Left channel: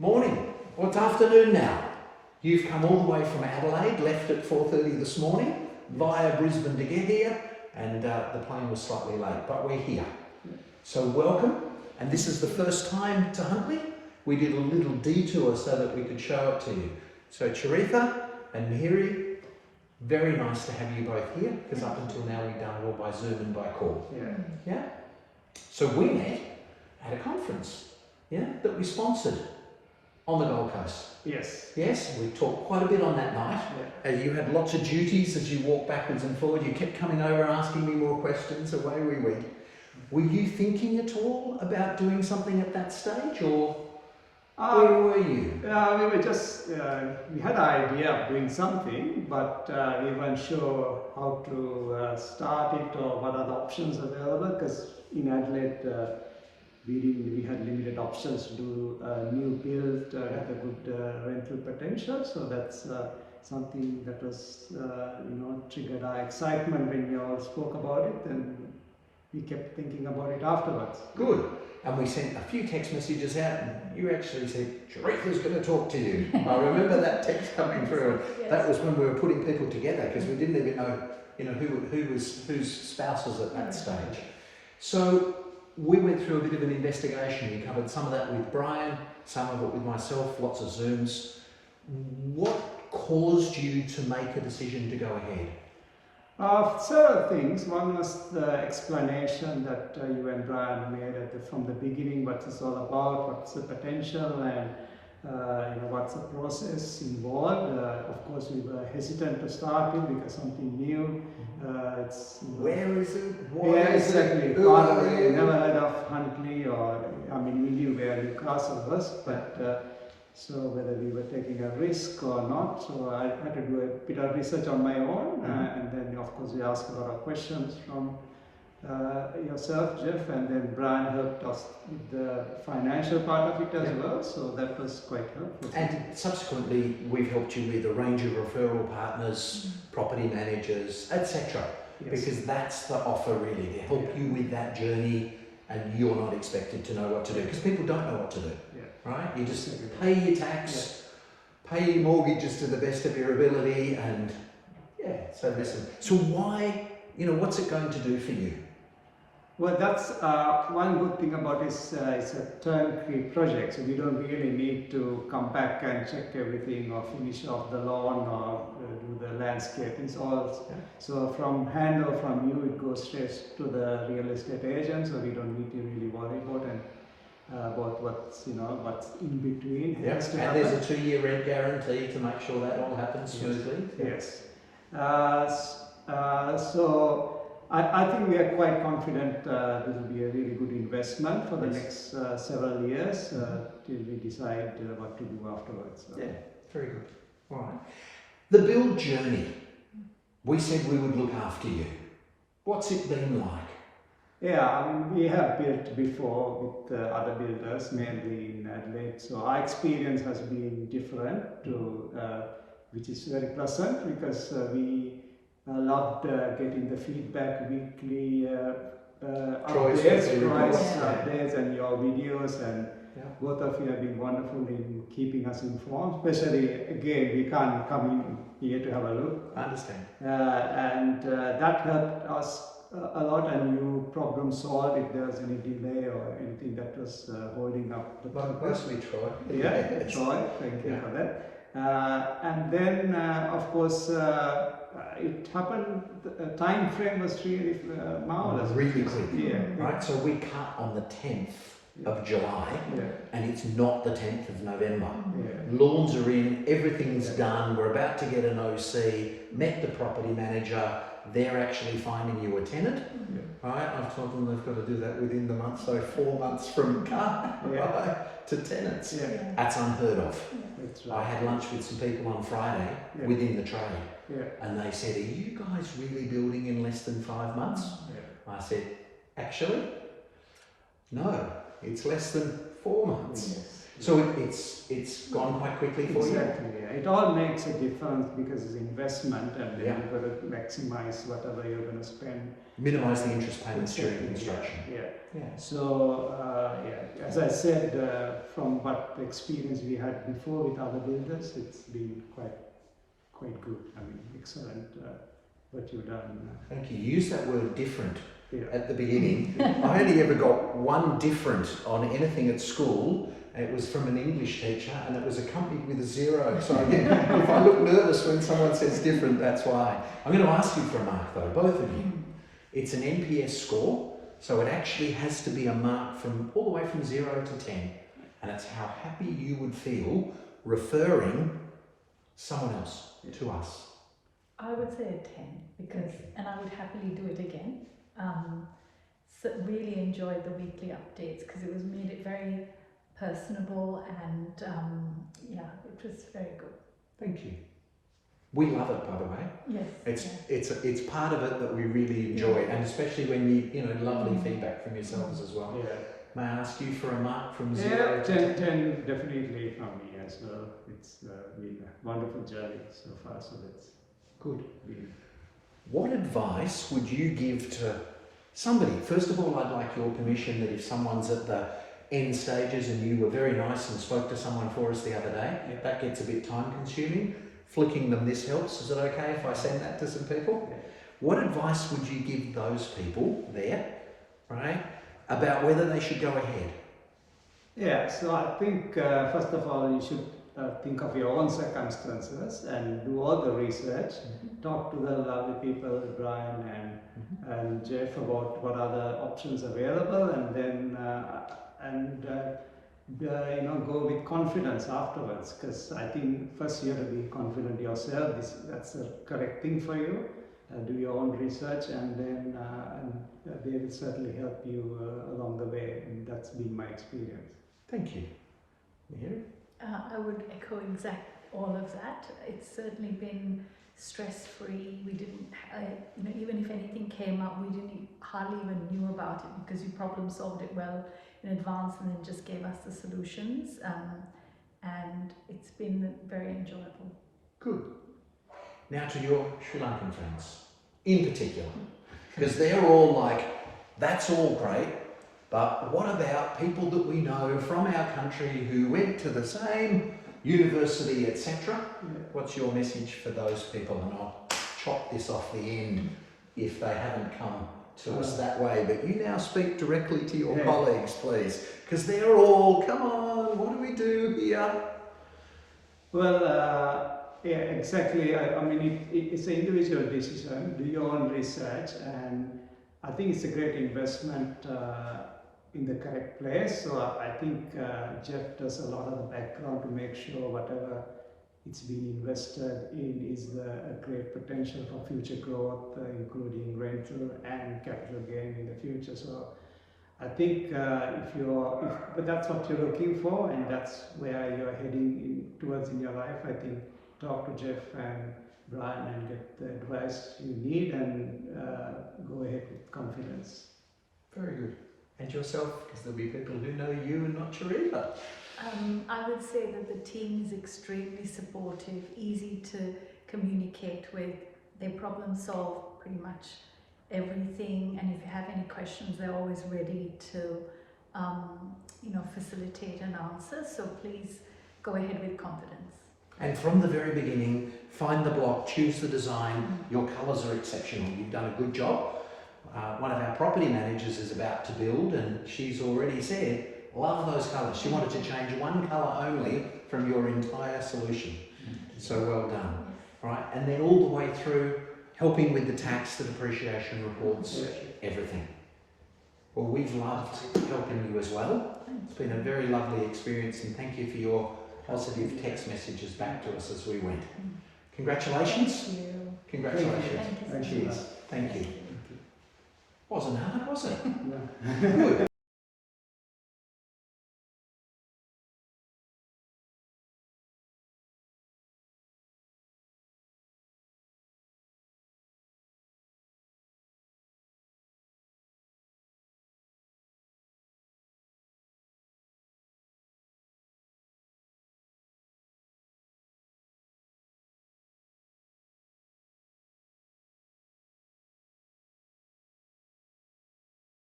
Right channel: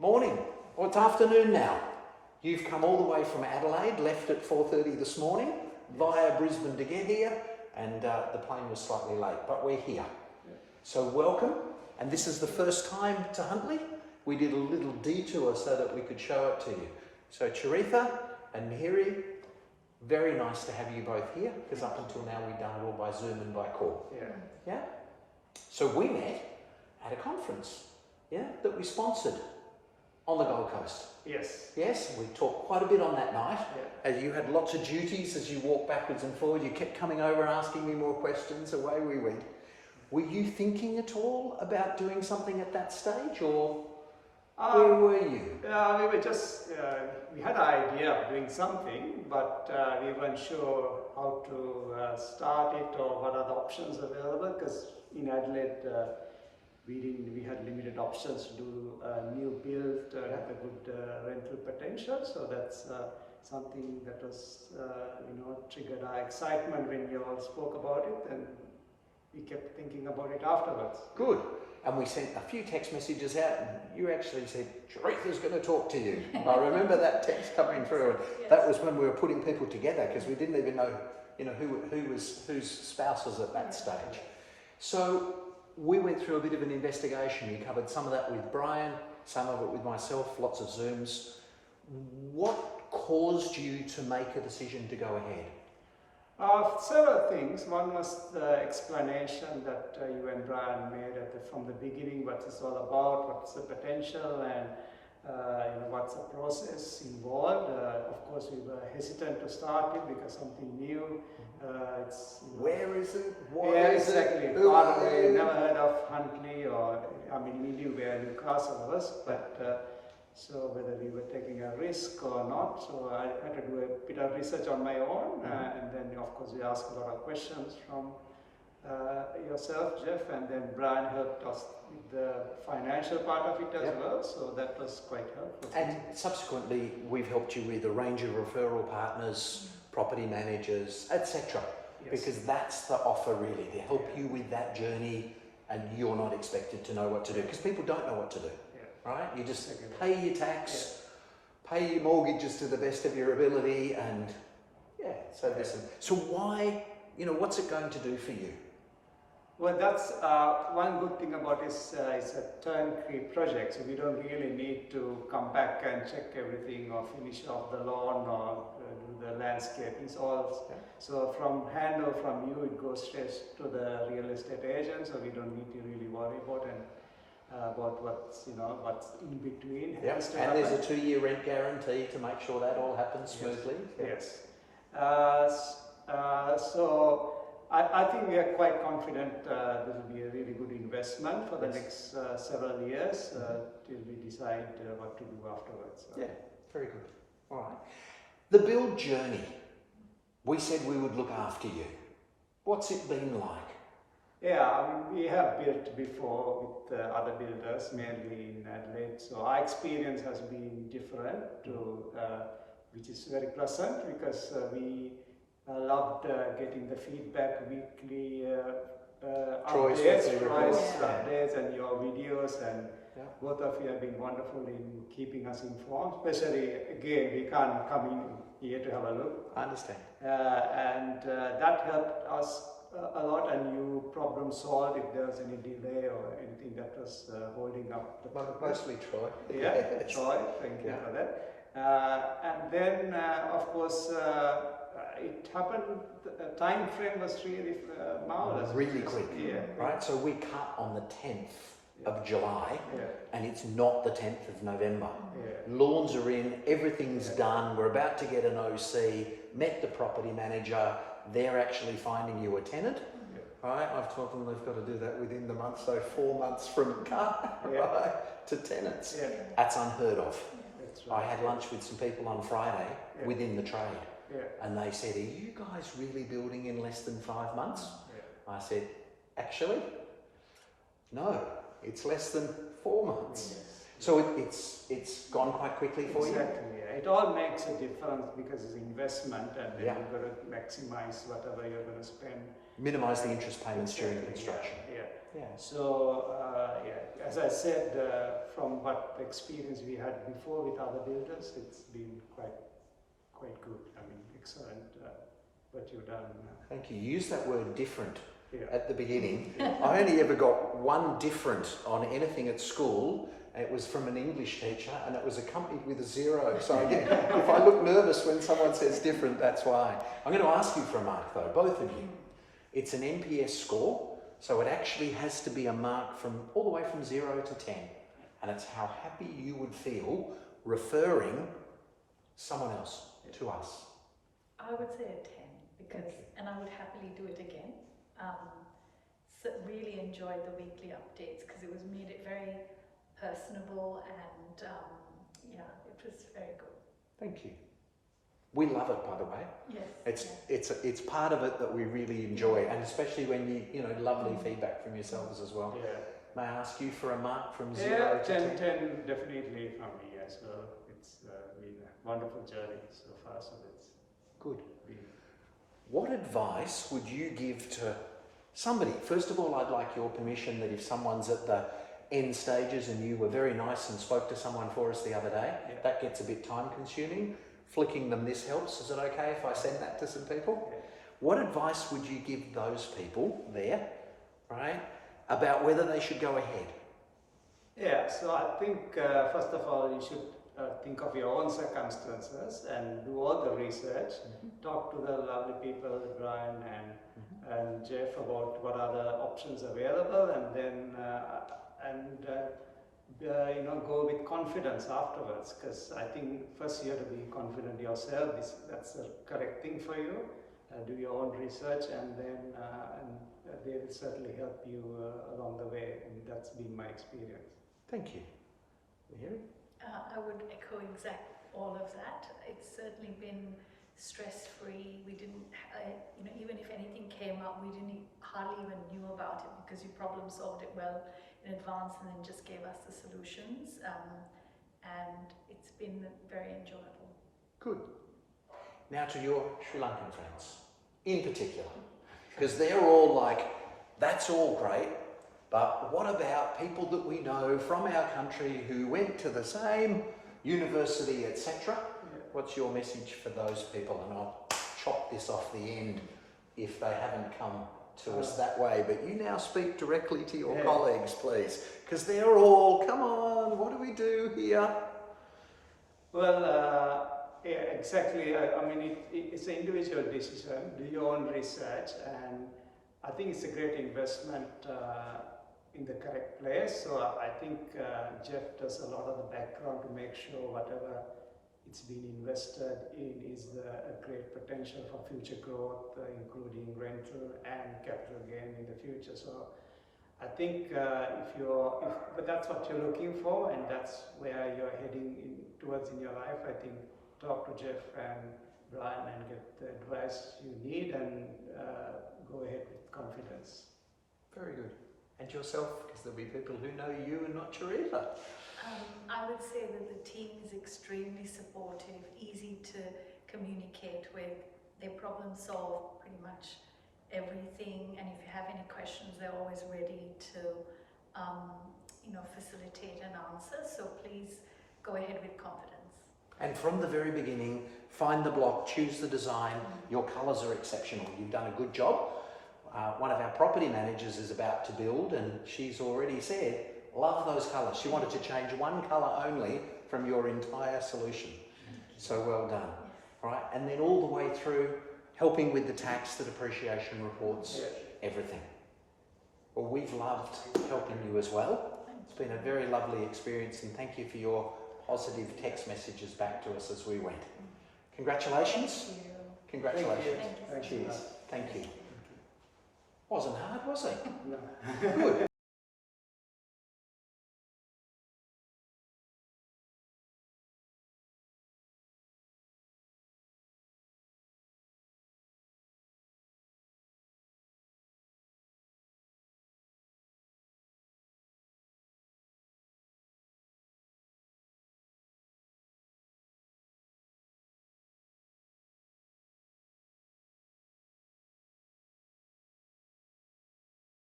Morning, or it's afternoon now. You've come all the way from Adelaide, left at 4:30 this morning, via Brisbane to get here, and the plane was slightly late, but we're here. So welcome, and this is the first time to Huntley. We did a little detour so that we could show it to you. So Charitha and Mihiri, very nice to have you both here, because up until now we've done it all by Zoom and by call. Yeah? So we met at a conference, that we sponsored on the Gold Coast. Yes, we talked quite a bit on that night. As you had lots of duties as you walked backwards and forward, you kept coming over asking me more questions, away we went. Were you thinking at all about doing something at that stage, or where were you? We were just, we had an idea of doing something, but we weren't sure how to start it or what are the options available, because in Adelaide we had limited options to do a new build with a good rental potential. So that's something that was, triggered our excitement when you all spoke about it, and we kept thinking about it afterwards. Good. And we sent a few text messages out, and you actually said, Charitha's going to talk to you. I remember that text coming through. That was when we were putting people together, because we didn't even know, who was whose spouse was at that stage. So we went through a bit of an investigation. We covered some of that with Brian, some of it with myself, lots of Zooms. What caused you to make a decision to go ahead? Several things. One was the explanation that you and Brian made from the beginning, what it's all about, what's the potential, and what's the process involved. Of course, we were hesitant to start it because something new. Where is it? Exactly. Far away. Never heard of Huntley, we knew where Newcastle was, but so whether we were taking a risk or not. So I had to do a bit of research on my own, and then of course we asked a lot of questions from yourself, Jeff, and then Brian helped us with the financial part of it as well, so that was quite helpful. And subsequently we've helped you with a range of referral partners, property managers, etc. Because that's the offer really, to help you with that journey, and you're not expected to know what to do, because people don't know what to do, right? You just pay your tax, pay your mortgages to the best of your ability, and so listen. So why, what's it going to do for you? Well, that's one good thing about this. It's a turnkey project, so we don't really need to come back and check everything or finish off the lawn or do the landscaping. It's all so from handover from you, it goes straight to the real estate agent, so we don't need to really worry about what's in between. And there's a 2-year rent guarantee to make sure that all happens smoothly. So I think we are quite confident this will be a really good investment for the next several years till we decide what to do afterwards. So. Yeah, very good. All right. The build journey. We said we would look after you. What's it been like? We have built before with other builders, mainly in Adelaide. So our experience has been different, which is very pleasant, because we loved getting the feedback weekly, updates and your videos, and both of you have been wonderful in keeping us informed. Especially, again, we can't come in here to have a look. I understand. And that helped us a lot, and you problem solved if there was any delay or anything that was holding up the progress. Mostly Troy. Troy, thank you for that. And then, of course, it happened, the time frame was really marvelous. Really quick. Right, so we cut on the 10th of July, and it's not the 10th of November. Lawns are in, everything's done, we're about to get an OC, met the property manager, they're actually finding you a tenant. Right, I've told them they've got to do that within the month, so 4 months from cut to tenants. That's unheard of. That's right. I had lunch with some people on Friday within the trade, and they said, are you guys really building in less than 5 months? I said, actually, no, it's less than 4 months. So it's gone quite quickly for you? Exactly. Yeah. It all makes a difference because it's investment, and then Yeah. you've got to maximize whatever you're going to spend. Minimise the interest payments during Exactly, construction. Yeah. Yeah. So, as I said, from what experience we had before with other builders, it's been quite good. I mean, excellent what you've done. Thank you. You used that word different Yeah. at the beginning. I only ever got one different on anything at school, and it was from an English teacher, and it was accompanied with a 0. So again, if I look nervous when someone says different, that's why. I'm going to ask you for a mark though, both of you. It's an NPS score, so it actually has to be a mark from all the way from 0 to 10, and it's how happy you would feel referring someone else to us. I would say a 10 because, and I would happily do it again. So really enjoyed the weekly updates because it made it very personable, and yeah, it was very good. Thank you. We love it, by the way. Yes. It's part of it that we really enjoy, and especially when you know lovely feedback from yourselves as well. Yeah. May I ask you for a mark from 0 to 10? 10 definitely from me as well. It's been a wonderful journey so far, so that's Good. been. What advice would you give to somebody? First of all, I'd like your permission that if someone's at the end stages and you were very nice and spoke to someone for us the other day, Yeah. that gets a bit time consuming. Flicking them this helps. Is it okay if I send that to some people? Yeah. What advice would you give those people there, right, about whether they should go ahead? Yeah, so I think first of all you should think of your own circumstances and do all the research. Talk to the lovely people, Brian and Jeff, about what are the options available, and then go with confidence afterwards. Because I think first you have to be confident yourself. That's the correct thing for you. Do your own research, and then they will certainly help you along the way. And that's been my experience. Thank you. Mihiria? I would echo all of that. It's certainly been stress-free. We didn't, even if anything came up, we hardly even knew about it because you problem solved it well in advance and then just gave us the solutions. And it's been very enjoyable. Good. Now to your Sri Lankan friends, in particular, because they're all like, that's all great, but what about people that we know from our country who went to the same university, etc.? Yeah. What's your message for those people? And I'll chop this off the end if they haven't come to us that way. But you now speak directly to your colleagues, please, because they're all, come on, what do we do here? Well, yeah, exactly. I mean, it's an individual decision. Do your own research, and I think it's a great investment in the correct place. So I think Jeff does a lot of the background to make sure whatever it's been invested in is a great potential for future growth, including rental and capital gain in the future. So I think but that's what you're looking for, and that's where you're heading towards in your life. I think talk to Jeff and Brian and get the advice you need, and go ahead with confidence. Very good. And yourself, because there'll be people who know you and not Charitha. I would say that the team is extremely supportive, easy to communicate with. They problem solve pretty much everything, and if you have any questions, they're always ready to facilitate an answer. So please go ahead with confidence. And from the very beginning, find the block, choose the design. Your colours are exceptional. You've done a good job. One of our property managers is about to build, and she's already said, love those colours. She wanted to change one colour only from your entire solution. So well done. Right? And then all the way through, helping with the tax, the depreciation reports, everything. Well, we've loved helping you as well. It's been a very lovely experience, and thank you for your positive text messages back to us as we went. Congratulations. Thank you. Congratulations. Thank you. Cheers. Thank you. Wasn't hard, was it? No. Good.